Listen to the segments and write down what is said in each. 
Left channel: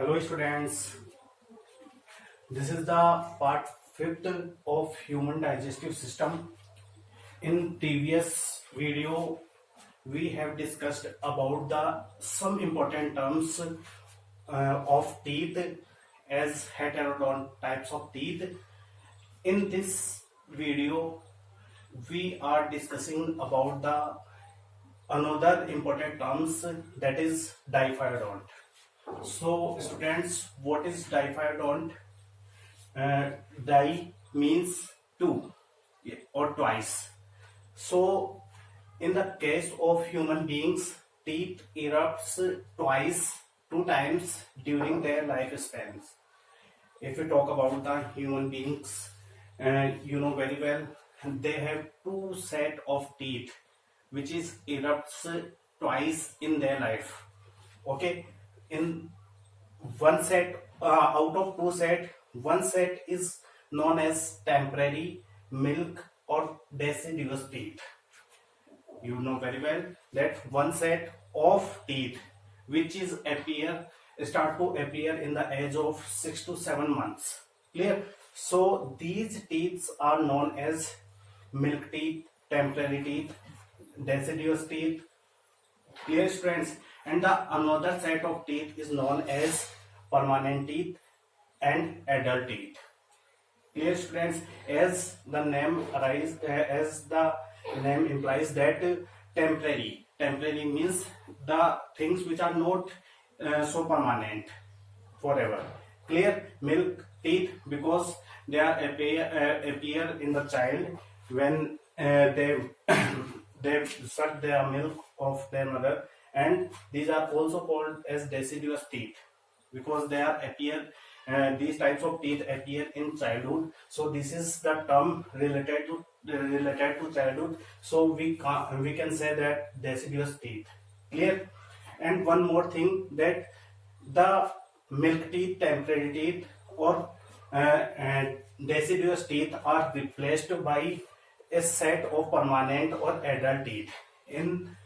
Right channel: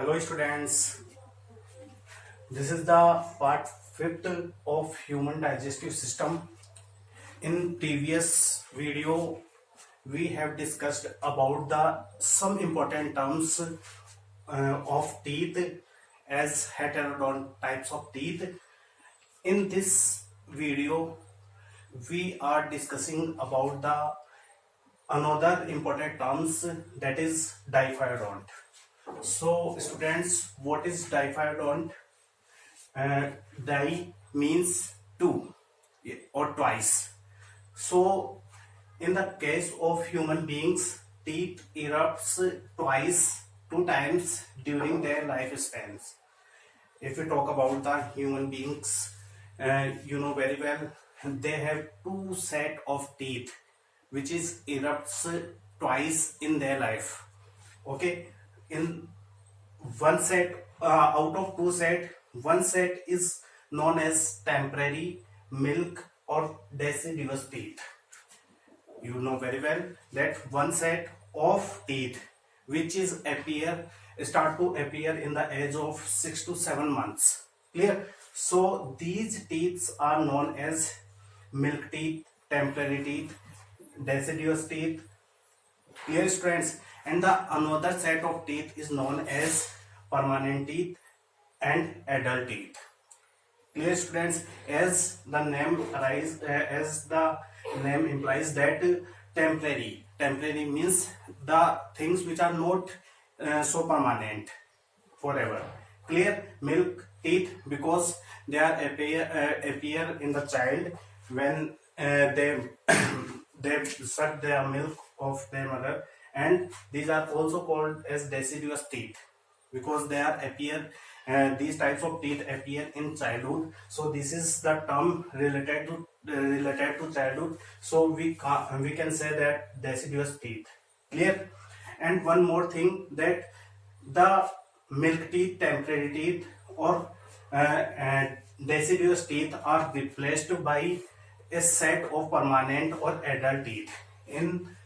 Hello students, this is the part 5th of human digestive system. In previous video we have discussed about the some important terms of teeth as heterodont types of teeth. In this video we are discussing about the another important terms, that is diphyodont. So students, what is diphyodont? Di means two or twice. So in the case of human beings, teeth erupts twice, two times during their lifespans. If we talk about the human beings, you know very well, they have two set of teeth which is erupts twice in their life. Okay, in one set, out of two set, one set is known as temporary milk or deciduous teeth. You know very well that one set of teeth which is start to appear in the age of 6 to 7 months. Clear? So these teeth are known as milk teeth, temporary teeth, deciduous teeth. Clear students? And the another set of teeth is known as permanent teeth and adult teeth. Clear students? As the name implies that temporary means the things which are not so permanent forever. Clear? Milk teeth because they are appear in the child when they they suck their milk of their mother, and these are also called as deciduous teeth because they are appear these types of teeth appear in childhood. So this is the term related to childhood. So we can say that deciduous teeth. Clear? And one more thing, that the milk teeth, temporary teeth or deciduous teeth are replaced by a set of permanent or adult teeth. In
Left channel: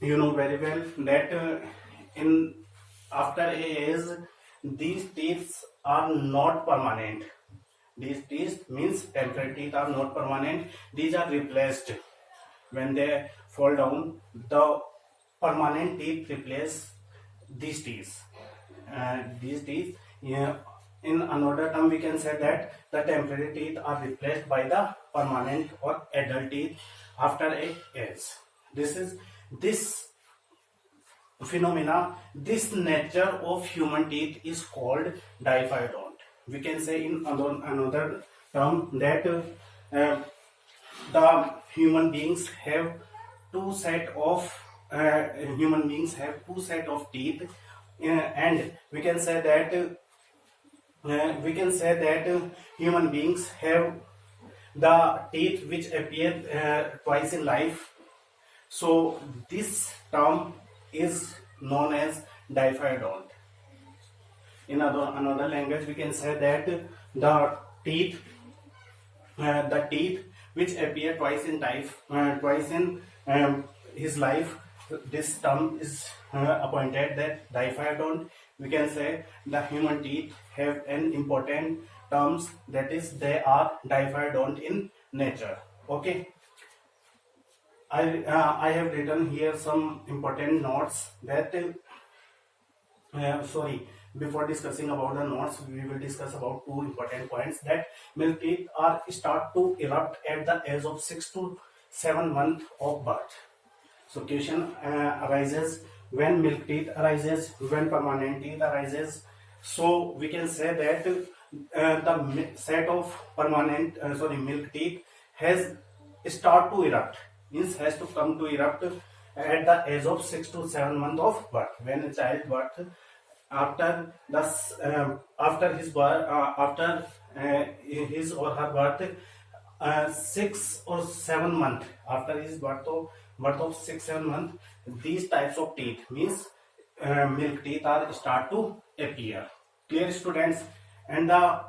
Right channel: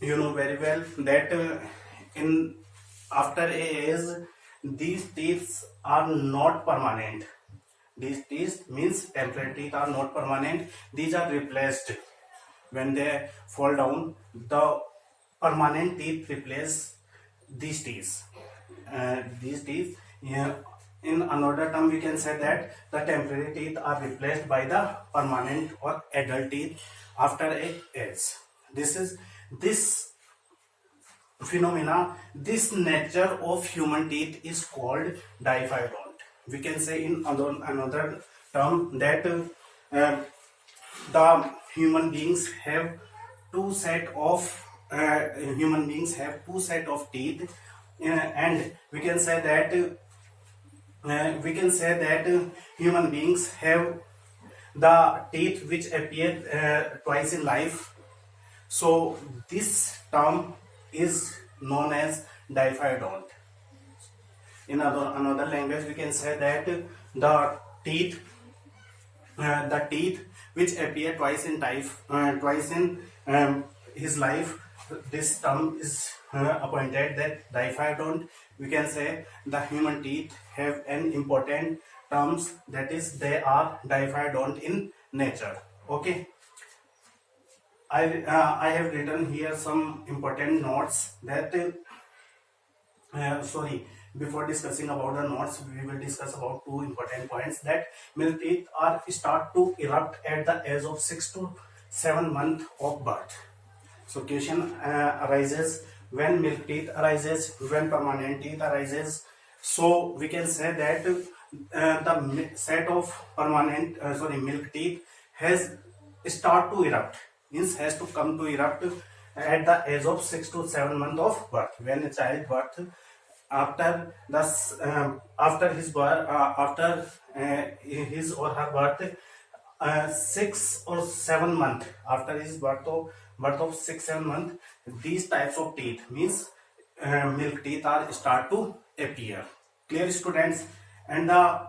you know very well that in after a age these teeth are not permanent. These teeth means temporary teeth are not permanent. These are replaced when they fall down. The permanent teeth replace these teeth. These teeth, yeah, in another term we can say that the temporary teeth are replaced by the permanent or adult teeth after a age. This phenomena, this nature of human teeth is called diphyodont. We can say in another term that the human beings have two set of teeth, and we can say that human beings have the teeth which appear twice in life. So this term is known as diphyodont. In another language we can say that the teeth which appear twice in his life, this term is appointed that diphyodont. We can say the human teeth have an important terms, that is they are diphyodont in nature. Okay, I have written here some important notes that before discussing about the notes we will discuss about two important points, that milk teeth are start to erupt at the age of 6 to 7 months of birth. So question arises, when milk teeth arises, when permanent teeth arises. So we can say that the set of milk teeth has start to erupt, means has to come to erupt at the age of 6 to 7 months of birth. When a child birth, after his or her birth, 6 or 7 month after his birth of 6-7 months, these types of teeth means milk teeth are start to appear. Clear students? And the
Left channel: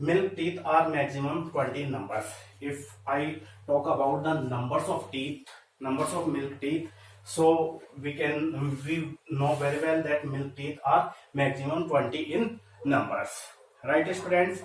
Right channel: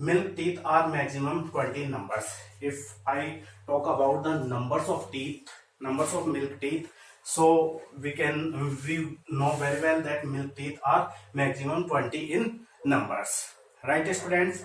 milk teeth are maximum 20 numbers. If I talk about the numbers of milk teeth, So we know very well that milk teeth are maximum 20 in numbers, right students?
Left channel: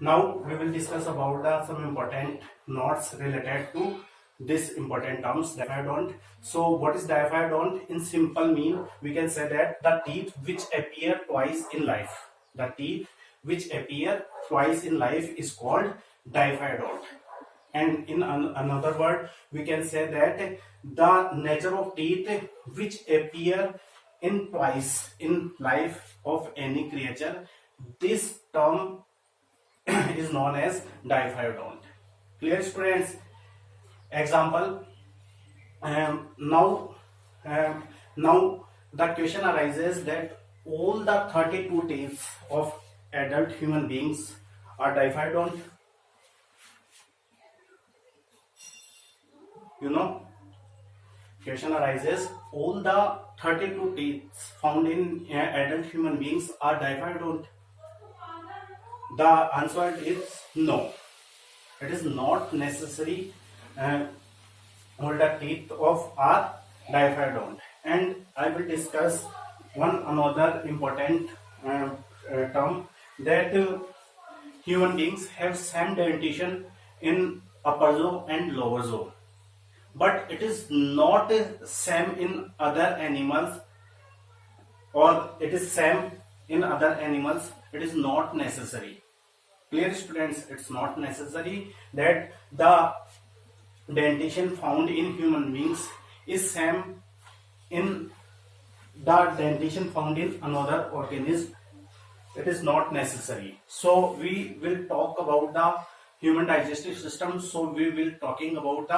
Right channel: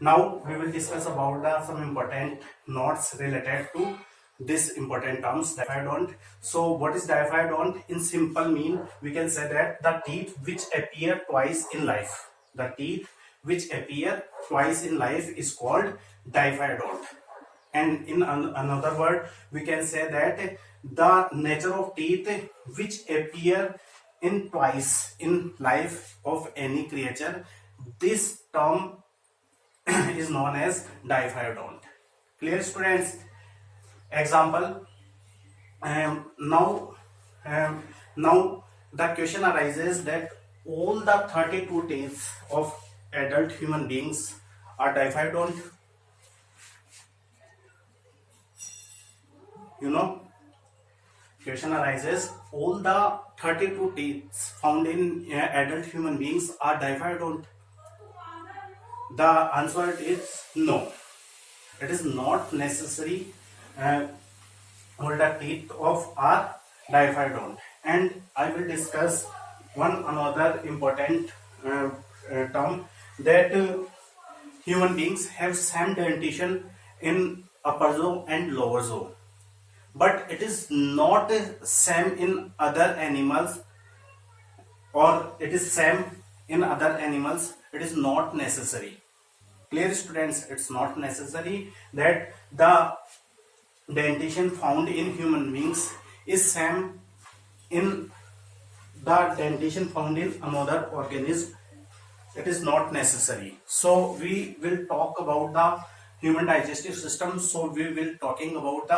Now we will discuss about some important notes related to this important terms, diaphyodont. So what is diaphyodont? In simple mean, we can say that the teeth which appear twice in life. The teeth which appear twice in life is called diaphyodont. And in another word, we can say that the nature of teeth which appear in twice in life of any creature, this term is known as diphyodont. Clear students? Example. Now, now the question arises that all the 32 teeth of adult human beings are diphyodont. You know, question arises, all the 32 teeth found in adult human beings are diphyodont. The answer is no. It is not necessary. All the teeth of are diphyodont. And I will discuss one another important term, that human beings have same dentition in upper jaw and lower jaw, but it is not same in other animals, or it is same in other animals. It is not necessary. Clear students? It's not necessary that the dentition found in human beings is same in the dentition found in another organism. It is not necessary. So we will talk about the human digestive system. So we will talking about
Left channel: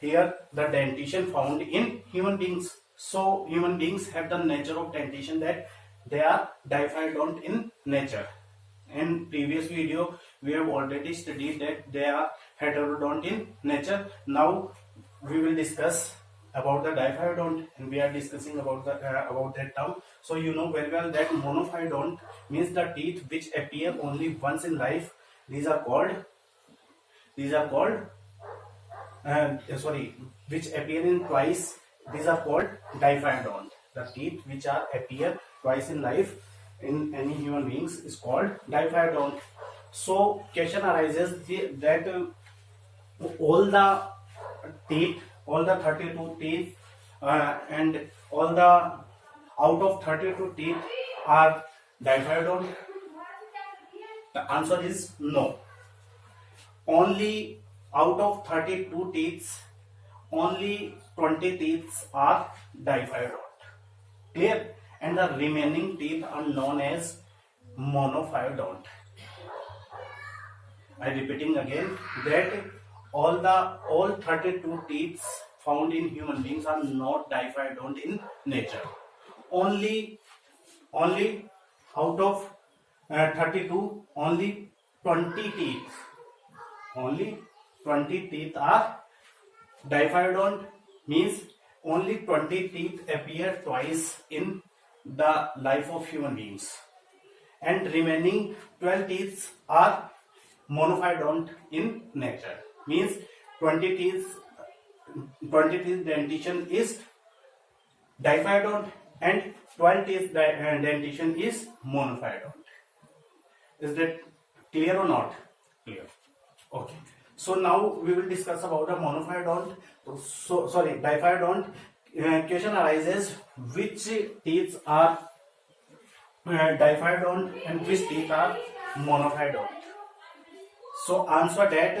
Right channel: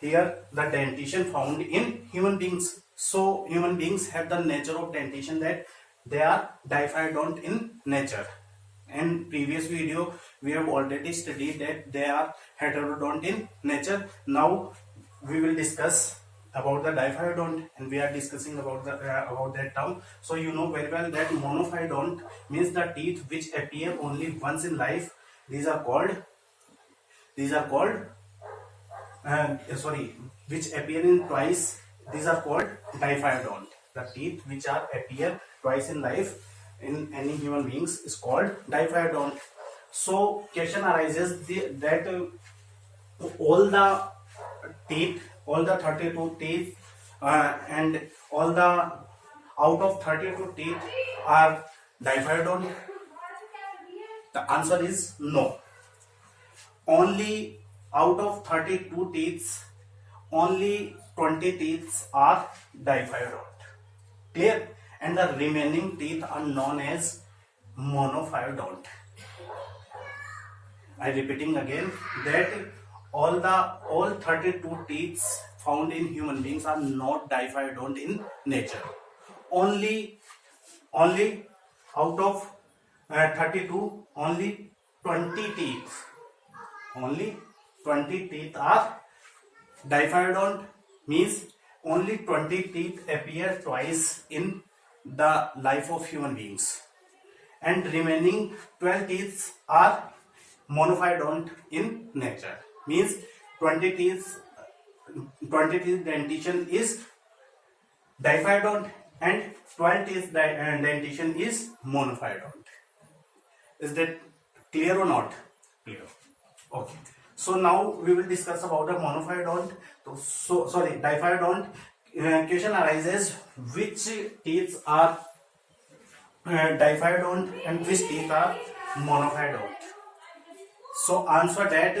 the dentition found in human beings. So human beings have the nature of dentition that they are diphyodont in nature. In previous video we have already studied that they are heterodont in nature. Now we will discuss about the diphyodont, and we are discussing about that term. So you know very well that monophyodont means the teeth which appear only once in life. These are called which appear in twice. These are called diphyodont. The teeth which are appear twice in life in any human beings is called diphyodont. So question arises that all the teeth, all the 32 teeth, and all the out of 32 teeth are diphyodont. The answer is no. Only out of 32 teeth, only 20 teeth are diphyodont. Clear? And the remaining teeth are known as monophyodont. I repeating again that all 32 teeth found in human beings are not diphyodont in nature. Only out of 32, only 20 teeth are diphyodont, means only 20 teeth appear twice in the life of human beings, and remaining 12 teeth are monophyodont in nature, means 20 teeth dentition is diphyodont and 12 teeth dentition is monophyodont. Is that clear or not? Clear. Okay. So now we will discuss about the monophyodont. So sorry, diphyodont. Question arises, which teeth are diphyodont and which teeth are monophyodont? So answer that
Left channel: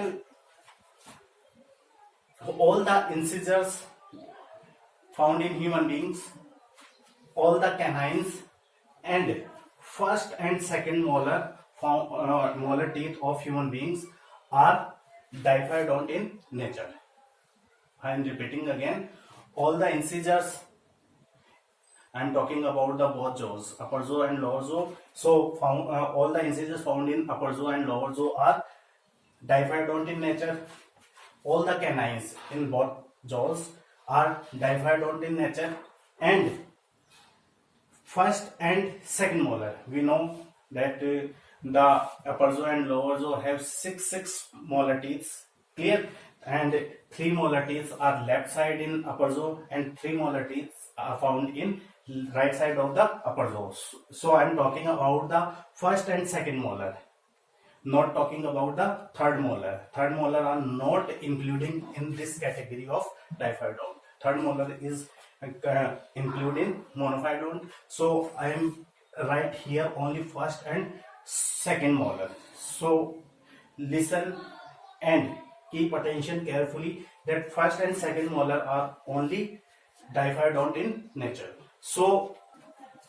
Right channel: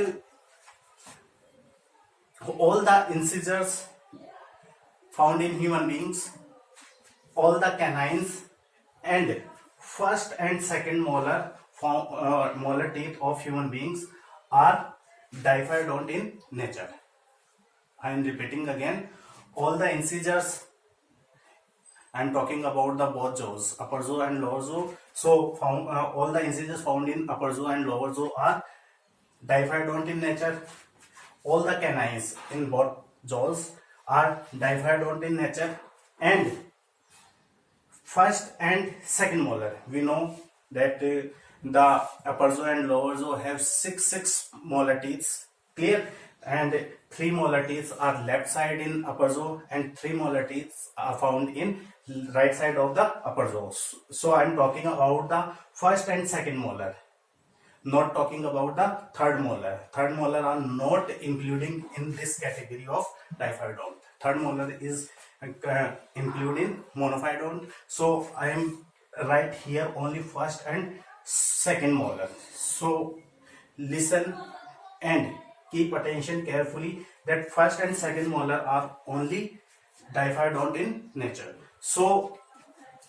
all the incisors found in human beings, all the canines, and first and second molar teeth of human beings are diphyodont in nature. I am repeating again, all the incisors, I am talking about the both jaws, upper jaw and lower jaw. So all the incisors found in upper jaw and lower jaw are diphyodont in nature. All the canines in both jaws are diphyodont in nature, and first and second molar, we know that the upper jaw and lower jaw have six molar teeth. Clear? And 3 molar teeth are left side in upper jaw and 3 molar teeth are found in right side of the upper jaw. So I am talking about the first and second molar, not talking about the third molar. Third molar are not including in this category of diphyodont. Third molar is included in monophyodont. So I am right here only first and second molar. So listen and keep attention carefully that first and second molar are only diphyodont in nature. So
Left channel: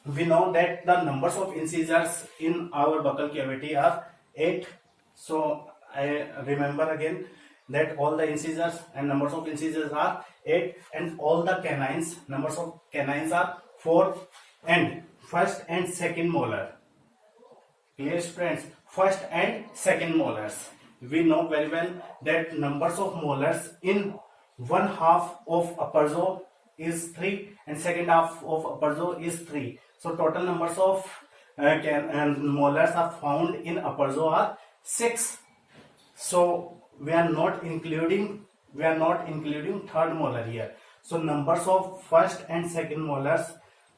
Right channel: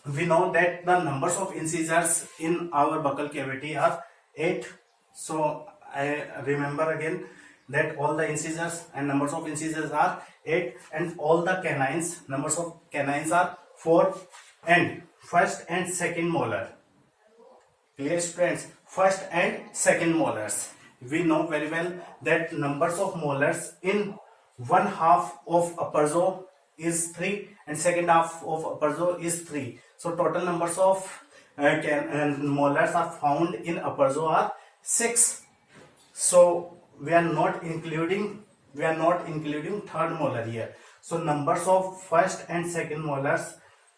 we know that the numbers of incisors in our buccal cavity are 8. So I remember again that all the incisors and numbers of incisors are 8, and all the canines, numbers of canines are 4, and first and second molar. Clear, friends? First and second molars. We know very well that numbers of molars in one half of upper jaw is 3 and second half of upper jaw is 3. So total numbers of molars are found in upper jaw are 6. So we are not including third molar here. So numbers of first and second molars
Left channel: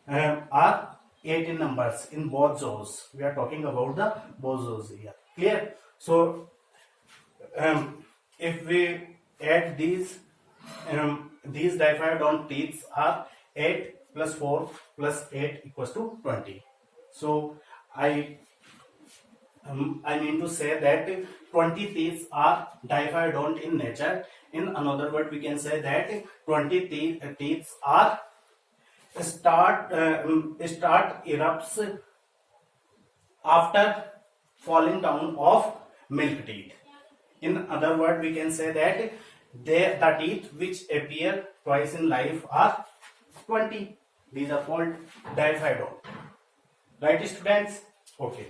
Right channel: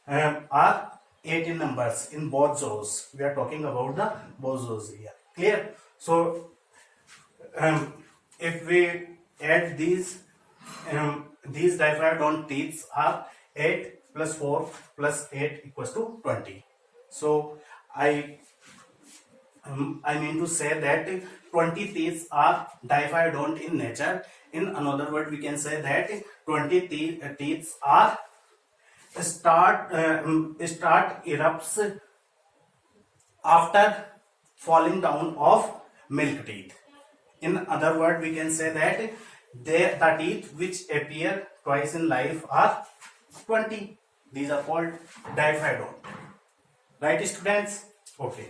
are 8 in numbers in both jaws. We are talking about the both jaws here. Clear? So if we add these diphyodont teeth are 8 plus 4 plus 8 equals to 20. So I mean to say that 20 teeth are diphyodont in nature. In another word, we can say that 20 teeth are start erupts after falling down of milk teeth. In other word, we can say that the teeth which appear twice in life are 20. These are called diphyodont. Right, students? Okay.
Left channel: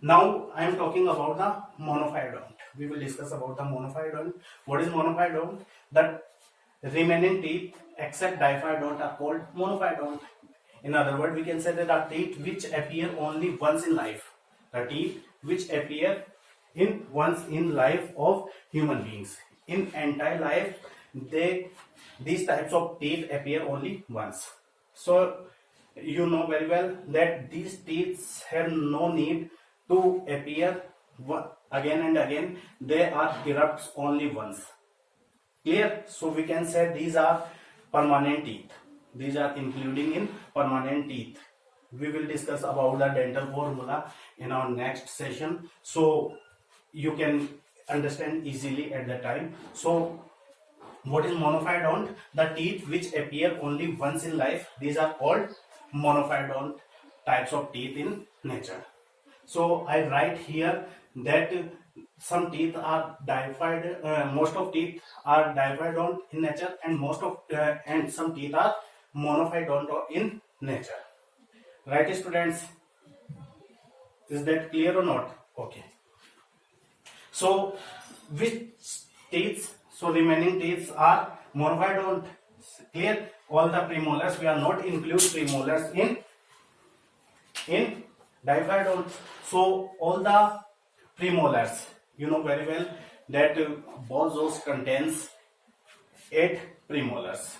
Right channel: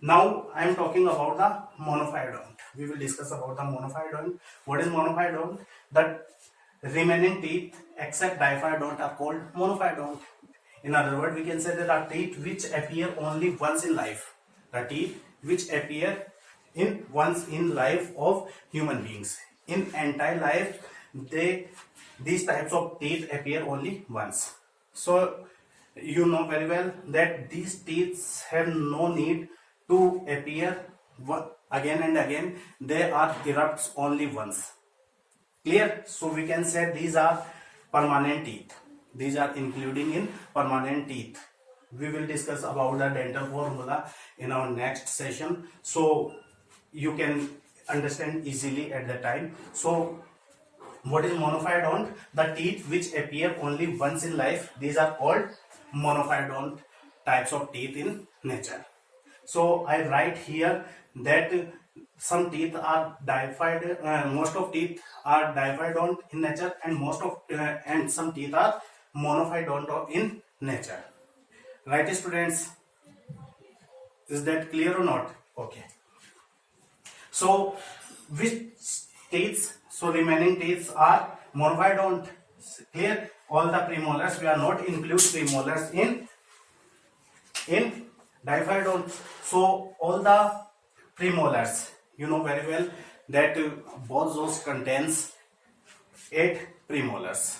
Now I am talking about the monophyodont. We will discuss about the monophyodont. What is monophyodont? The remaining teeth except diphyodont are called monophyodont. In other words, we can say that the teeth which appear only once in life. The teeth which appear once in life of human beings. In entire life, these types of teeth appear only once. So you know very well that these teeth have no need to appear again and again. They are erupts only once. Clear? So we can say these are permanent teeth. These are including in permanent teeth. We will discuss about the dental formula in our next session, so you can understand easily at the time. So what is monophyodont? The teeth which appear only once in life. These are called monophyodont types of teeth in nature. So I write here that some teeth are most of teeth are diphyodont in nature, and and some teeth are monophyodont in nature. Right, students? Is that clear or not? Okay. So which teeth? So remaining teeth are monophyodont. Clear? All the premolars, we are not include premolars in diphyodont. So all the premolars, you know very well that both jaws contains 8 premolars.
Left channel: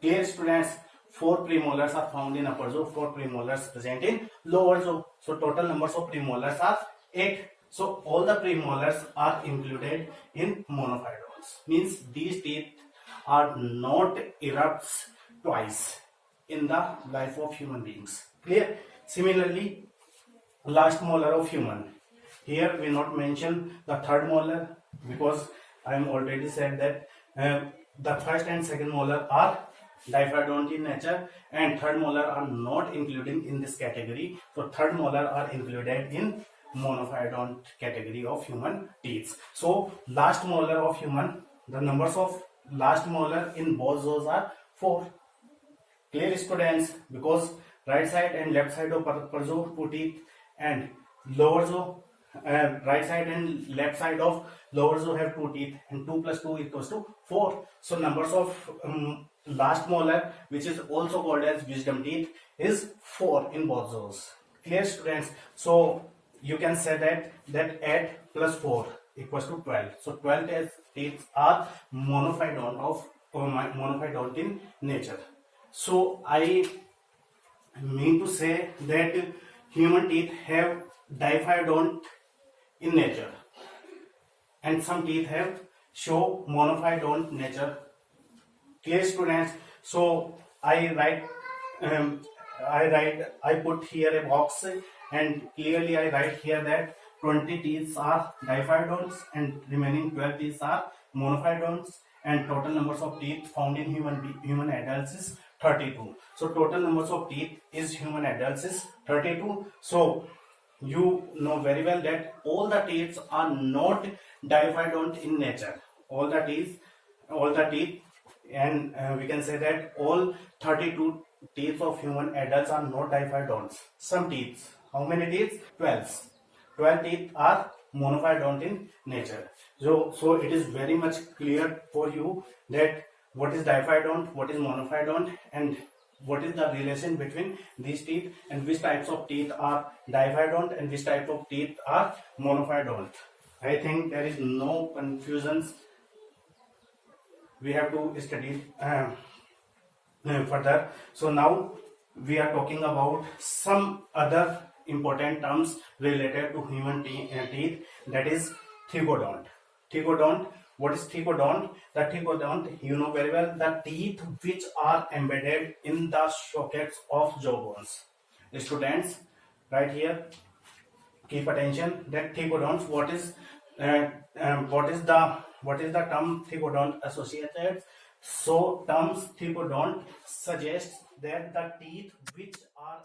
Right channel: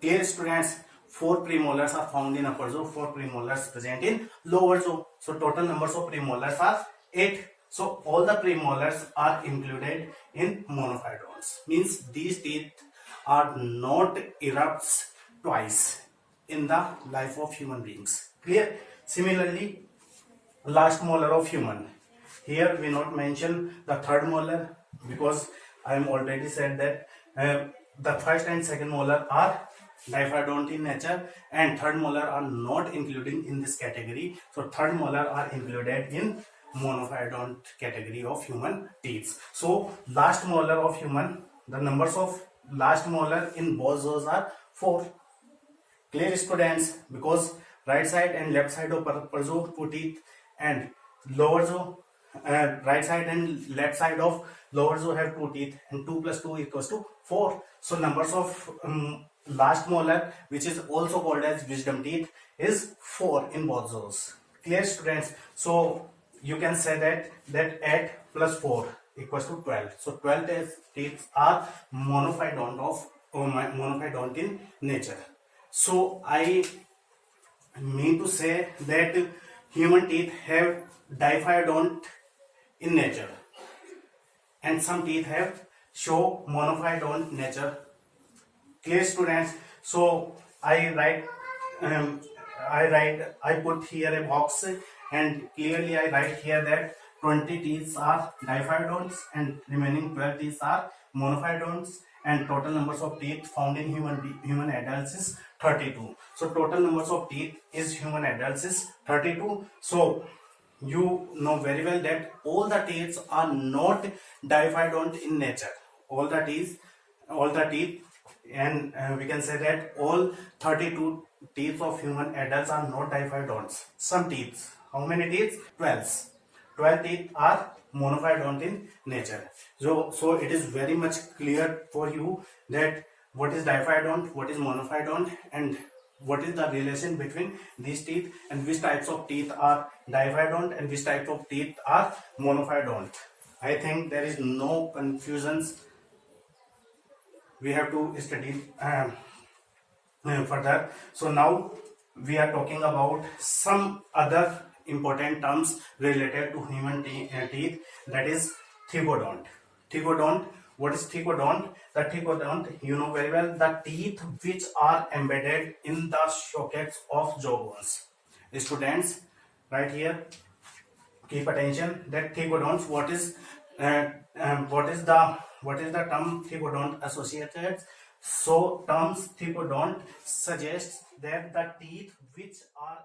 Clear, students? 4 premolars are found in upper jaw, 4 premolars present in lower jaw. So total numbers of premolars are 8. So all the premolars are included in monophyodonts. Means these teeth are not erupts twice in the life of human beings. Clear? Similarly, last molar of human. Here we not mention the third molar because I am already said that the first and second molar are diphyodont in nature, and third molar are not including in this category. So third molar are included in monophyodont category of human teeth. So last molar of human, the numbers of last molar in both jaws are 4. Clear, students? Because right side and left side of upper jaw 2 teeth, and lower jaw right side and left side of lower jaw have 2 teeth, and 2 plus 2 equals to 4. So numbers of last molar, which is also called as wisdom teeth, is 4 in both jaws. Clear, students? So you can say that 8 plus 4, equals to 12. So 12 teeth are monophyodont in nature. So I mean to say that human teeth have diphyodont in nature, and some teeth have show monophyodont nature. Clear, students? So um, I put here a box, and clearly I write here that 20 teeth are diphyodonts and remaining 12 teeth are monophyodonts, and total numbers of teeth found in human adults is 32. So total numbers of teeth is human adults is 32. So you know very well that all the teeth are not diphyodont in nature. All the teeth, and we can say that all 32 teeth of human adults are not diphyodonts. Some teeth, how many teeth? 12. 12 teeth are monophyodont in nature. So it is very much clear for you that what is diphyodont, what is monophyodont, and what is the relation between these teeth, and which types of teeth are diphyodont and which type of teeth are monophyodont. I think there is no confusions. We have to study further. So now we are talking about some other important terms related to human teeth, that is thigodont. Thigodont. What is thigodont? The thigodont, you know very well, the teeth which are embedded in the sockets of jawbones. Students, right here, keep attention that thigodonts. What is the term thigodont associated? So terms thigodont suggests that the teeth which are